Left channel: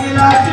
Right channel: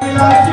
Thank you.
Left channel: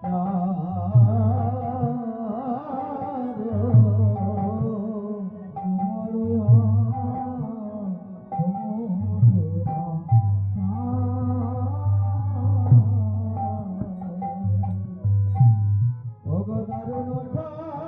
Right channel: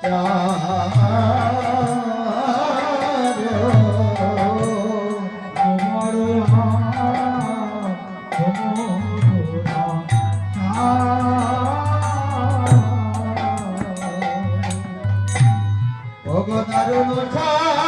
Oh, God, I don't know.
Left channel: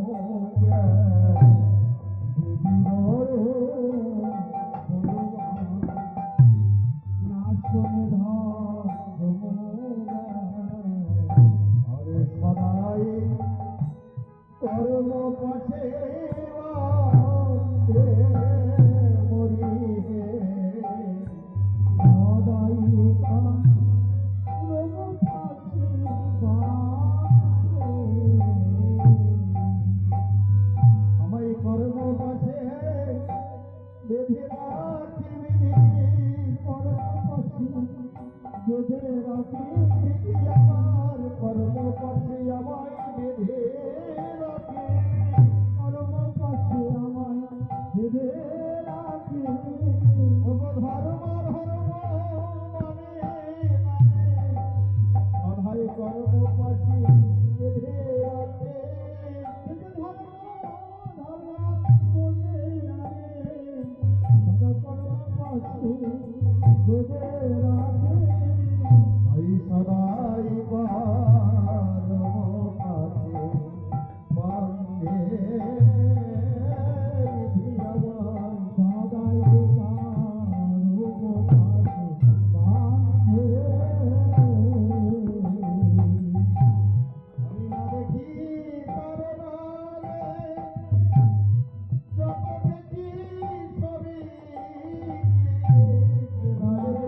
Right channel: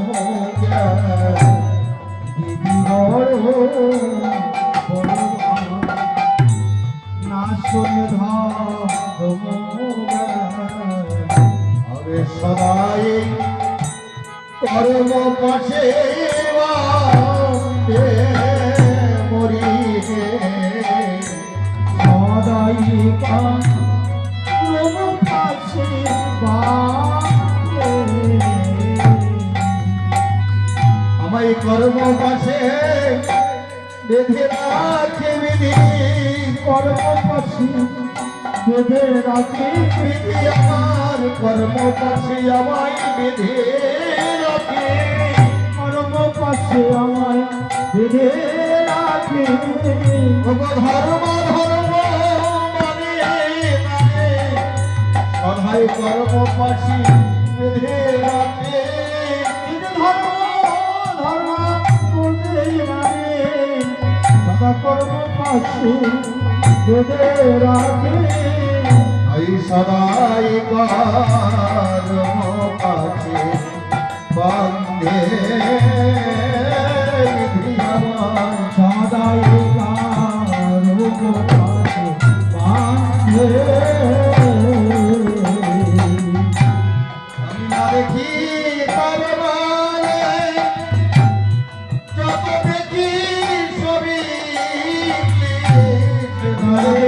সদাই কর্ম পাশে মরি সদাই কর্ম পাশে বেঁধে রাখে বিধি কর্ম পাশে বেঁধে রাখে বিধি আমার কর্ম পাশে আমায় বেঁধে রাখে। কর্ম পাশে আমায় বেঁধে রাখে। ধর্ম ধর্ম মানে মানে। রাখে। পাশে বেঁধে রাখে এই সদাই পাশে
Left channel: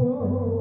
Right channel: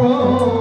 को